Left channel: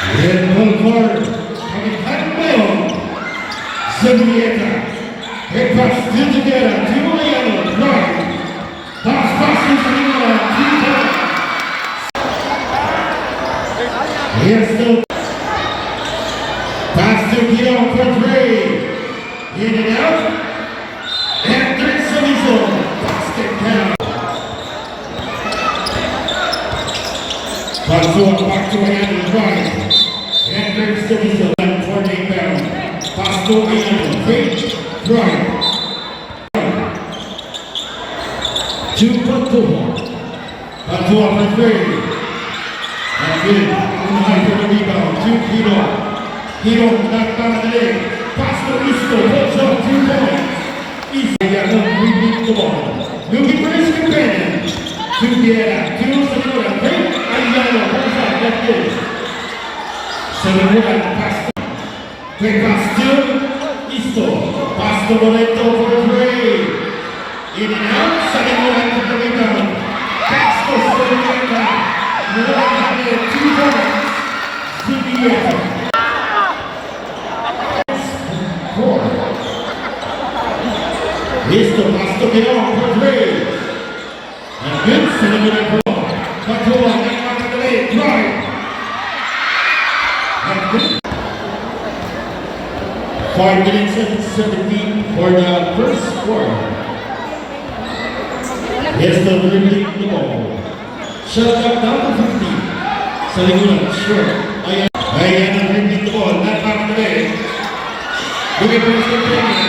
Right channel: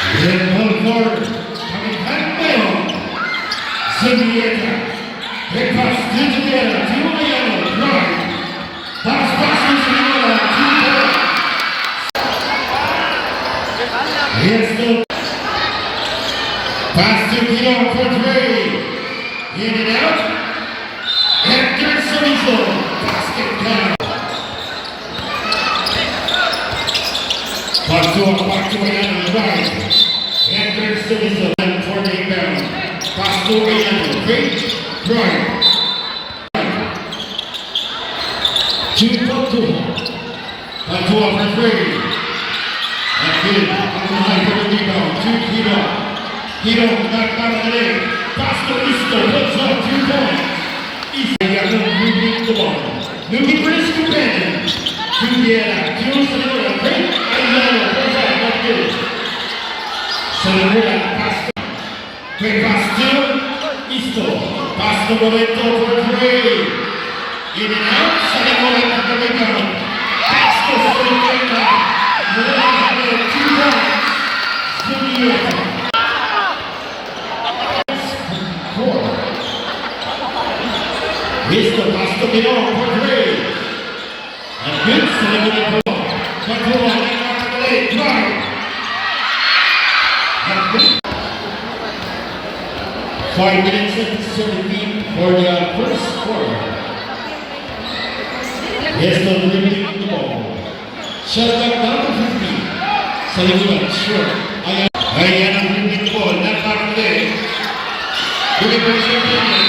왼손 coming back well. Zunieta. Big pass to Together. Tijuana. Drive. Pass to Tijuana. 2 points. Here's the pass to Guido for 3. In and out. And there's Soniso. Basket count. Back to Ayano, right. And there's Soniso. And for the inbound. Pass to Ayano. Great. Right. 2 Patua for 3. And good. High for the rebound. 2 Guido. Guido knocked down the leg. Pass to Isto. Puts up 2 points. Ayano dribbling the ball. Looking for his companion. To Vieira. To Sanimura. Great. Ayano. Puts up. That's good. Sanimura pass to. Great pass to Isto. Pass to Momento for 3. In and out. Sanimura to the rebound. Pass to Sanimura. Mulai 2 points. Sanimura. Isto pass to Guido for 3. And good. Sanimura for 1. Patua. Neymar to the leg. Drive. And good. 5 minutes and 17 for the first quarter. Isto dribbling the ball. Shot clock down to 15. Sanimura short. Ayano dribbling the ball. Not out the leg. Looking for his companion.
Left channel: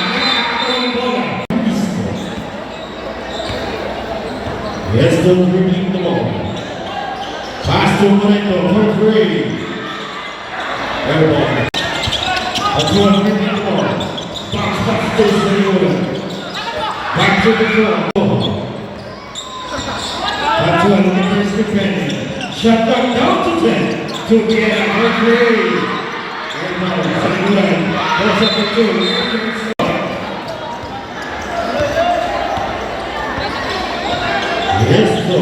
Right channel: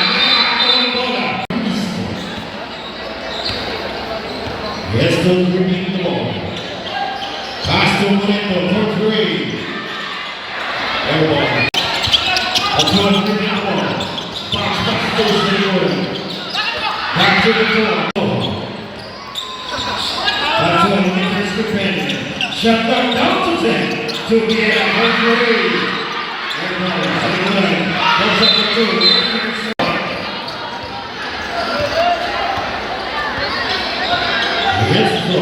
Isto dribbling the ball. Pass to Moreno for 3. Air ball. Patua dribbling the ball. Pass to Sanimura. Back to the floor. Patua looking for his companion. Shot clock down to 10. To Vieira for 3. Air ball. Sanimura goes up for 2. Isto.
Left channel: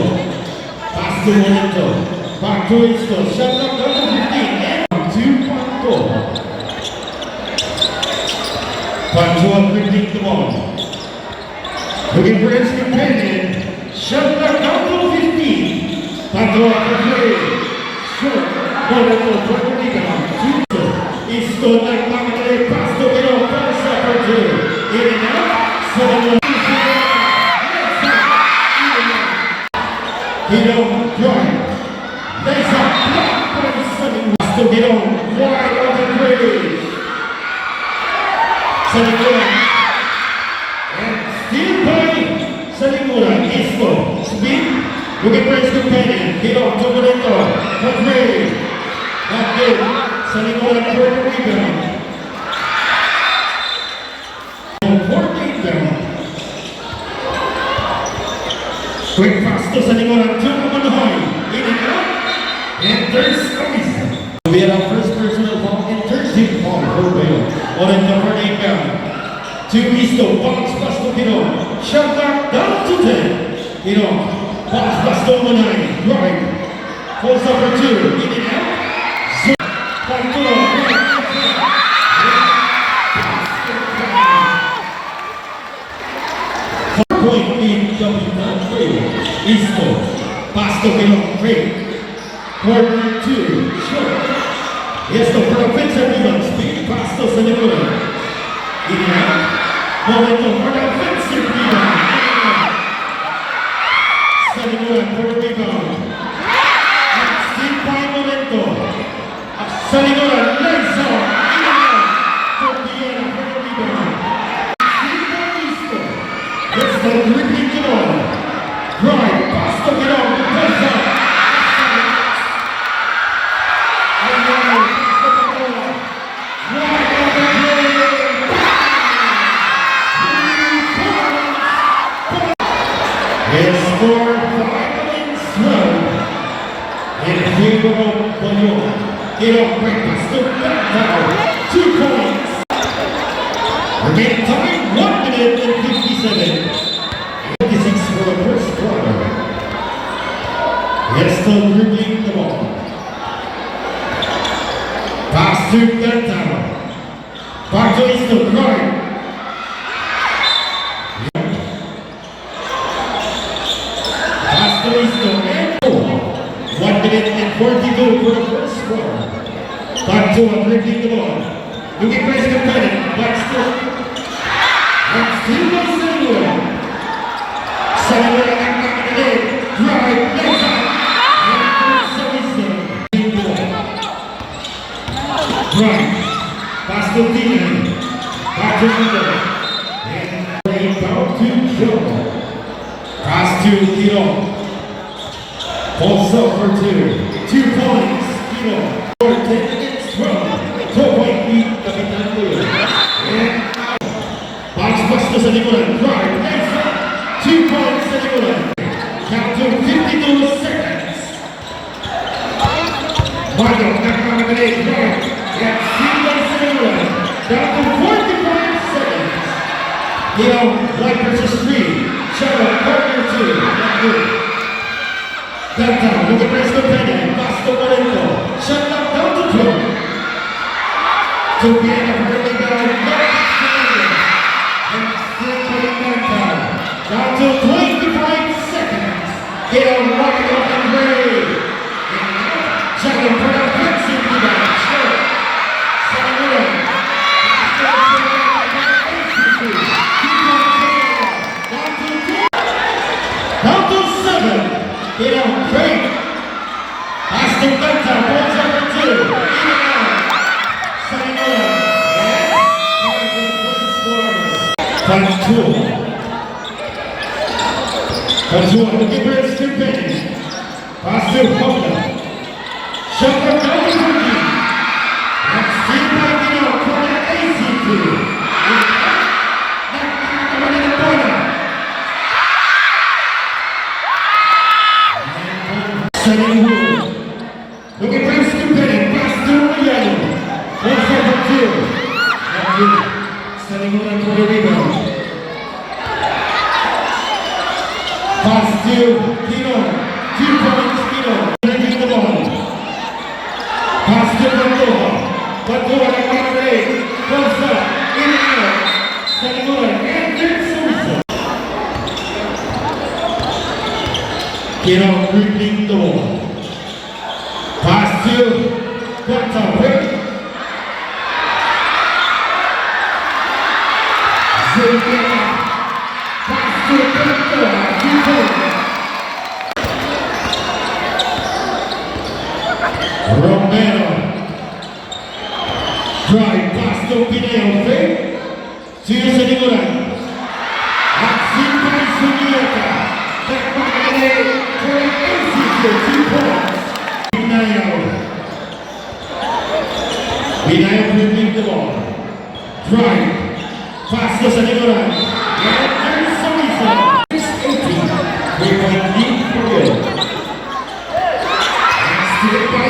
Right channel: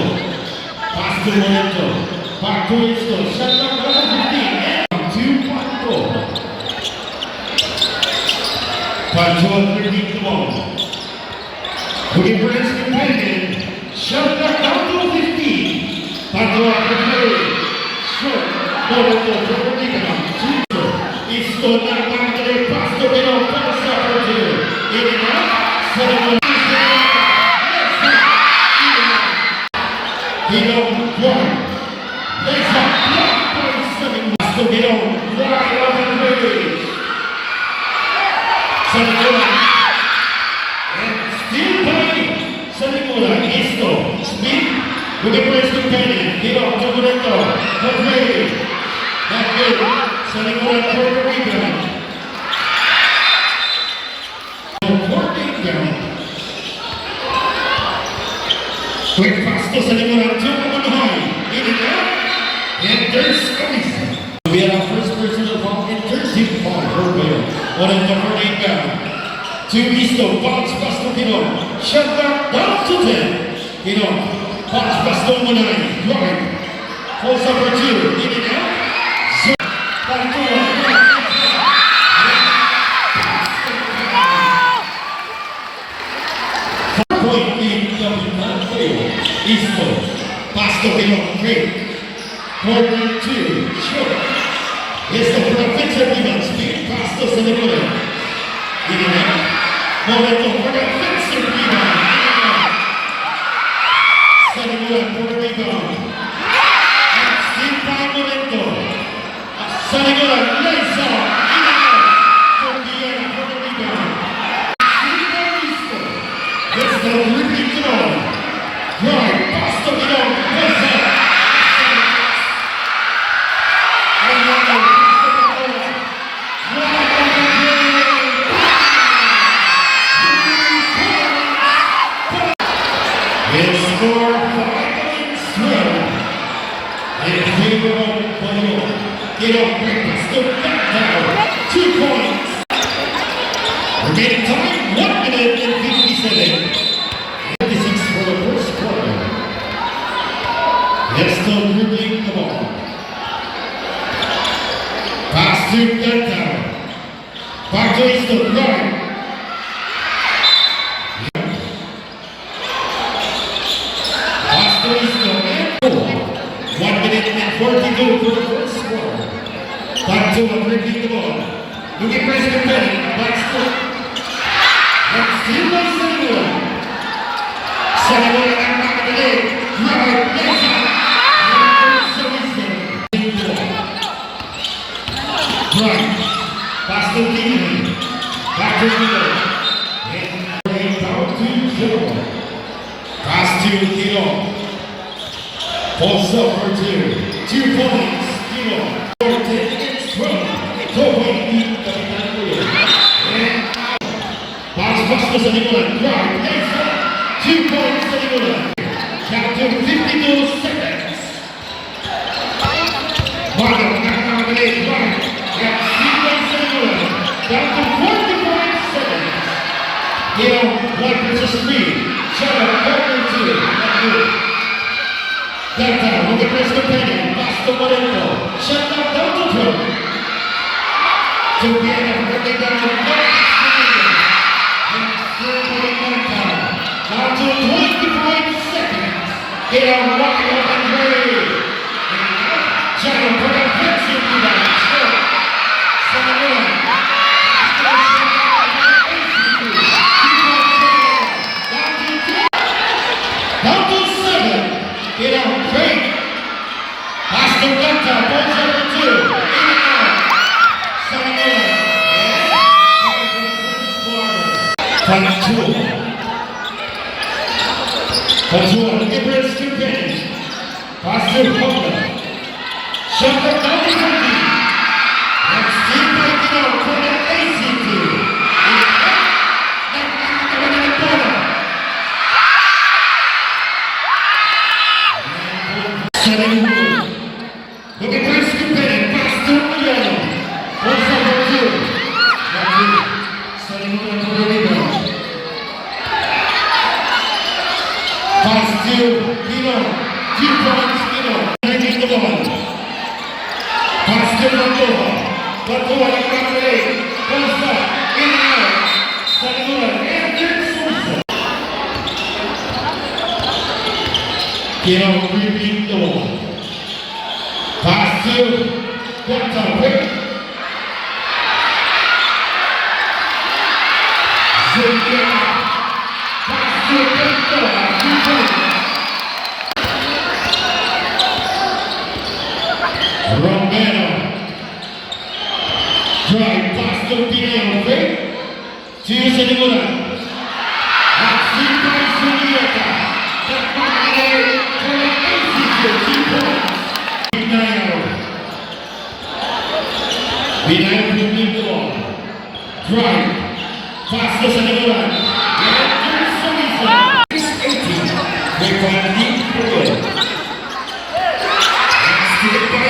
Pass to Moreno. Back to Isto. Shot clock down to 15. And 2 Patua. Patua dribbling the ball. Looking for his companion. Shot clock down to 15. Patua for 3. Short. Moreno for the rebound. Isto knocked back to the pass to Guido. Pass up for 2. In and out. Sanimura. Guido drive. Lays up. Blocked by Sanimura. Pass to Guido. Wide open 3. Sanimura. And still by Sanimura. Isto. Speed. Looking for his companion. Guido to Moreno for 3. Not good. Sanimura for the rebound. 14 down. Quick pass to Sanimura. 2 on the high. In and out. And there's Soniso. We had our first personal foul and 13 foul for Bale. On a number 8 down. To Isto. Bounce pass to Guido. Shot clock down to 10. Guido. Bounce pass to Monai. Drive. Pulls up for 2. In and out. Point in Capitan Fail. Isto. Pass to Guido. Great. Corner 2. Short. Isto for offensive rebound. Speed. Pass to Sanimura. In and out. Momento for the offensive rebound. Sanimura for the rebound. And still by Momento. Sanimura lays off. In and out. For Vieira for the rebound. Still by Isto. Isto dribbling the ball. Drive. Pass to Guido. Lays off. Ayano pass to the ball. Wide open play. It's score 5 minutes 12 in favor of Bayonne. Guido quick pass to Gantao. 2 points. Remaining time 1 minute and 57. 56 for the first quarter. Isto dribbling the ball. Pass to Gantaro. Back to Easton, right. Pass to Easton, and 1 minute and 42 for the first quarter. Back to dribbling the ball. Looking press competitive, but still. And still by Sanibura. Sanibura ang nakakadali. Drive, legs up. And sa Easton. Right. Pass to Dino. Back to Dino. And play down to Joe. Pass to Dino. Pulls up for 2. 2 points. Dino. 10 against 12. 2-point lead. Kapitan ko yun. And out. Pass to Sanibura. Drive. Legs up. 2 points Sanibura. Count to 52 seconds. Marco. Nakakamadali. Drive. That's Stephen Sanibura. Down to 45 seconds. Dino. 1 versus 3. Shadow. Partner 2. Not good. Downtown, with the press companion, Basta Moreno, shut down to 12. To the end of early down, no extension. And still playing downtown. Down to 25 seconds. Hit on Mario Andre. Shadow put up fencing rebound. Short. Sanibura. Down to 7. Get out, break. Pass to Benta, balls over 2. In and out. Sanibura. Pantua. Pantua, looking for his companion. Pass to Honda. Shot up down to Rudy. And still biting out for the ACT. Sanibura. Looking for his companion. Pass to Uyano. Balls over 2. Not good. Sanibura for the rebound. Pass to Pino. 2 points Pino. Taking the ball. Pass to Bandova. Bandova nagpapalay. Balls up. In and out. Sanibura. And then Suisa. Pino dribbling the ball. Pass to Gantaro. Zuniga. Pass to Gantaro. 2 points. Romero. Drive pass to Pineo. To Sanibura. At by Zuniga. That back for an ACT. 2 points. Binayo dribbling the ball. Drive. Pass to Sanibura. And there's Suisa. It's 18. 3-point lead for you. And still by